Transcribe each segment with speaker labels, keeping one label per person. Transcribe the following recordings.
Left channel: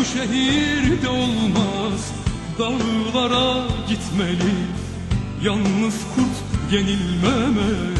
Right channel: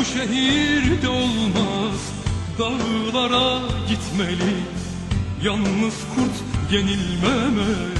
Speaker 1: bu şehirde olmaz Dağlara gitmeli. Yalnız kurt yenilmemeli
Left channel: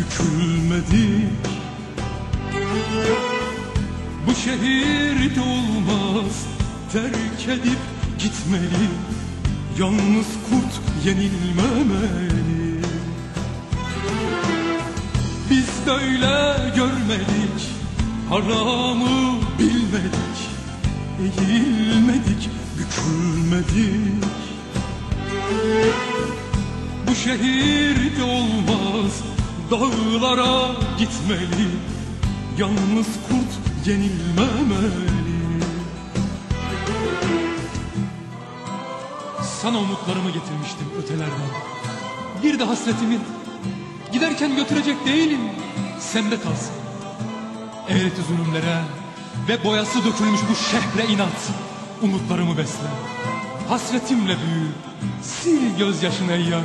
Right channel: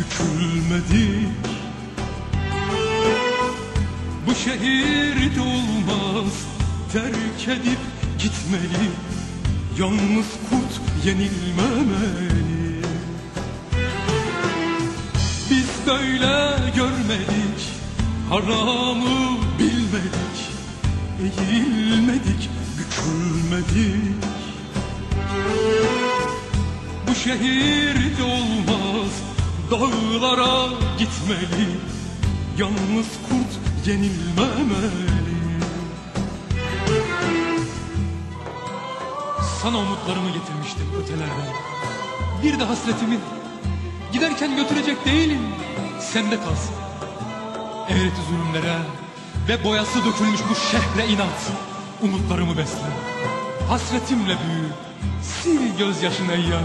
Speaker 1: bükülmedik Bu şehirde olmaz Terk edip gitmeli. Yalnız kurt yenilmemeli. Biz böyle görmedik Haramı bilmedik Eğilmedik, bükülmedik. Bu şehirde olmaz Dağlara gitmeli Yalnız kurt yenilmemeli. Sana umutlarımı getirmiştim ötelerden. Bir de hasretimi Giderken götürecek değilim. Sende kalsın. Eğreti zulümlere Ve boyası dökülmüş bu şehre inat. Umutlarımı besle. Hasretimle büyü. Sil gözyaşını ey yar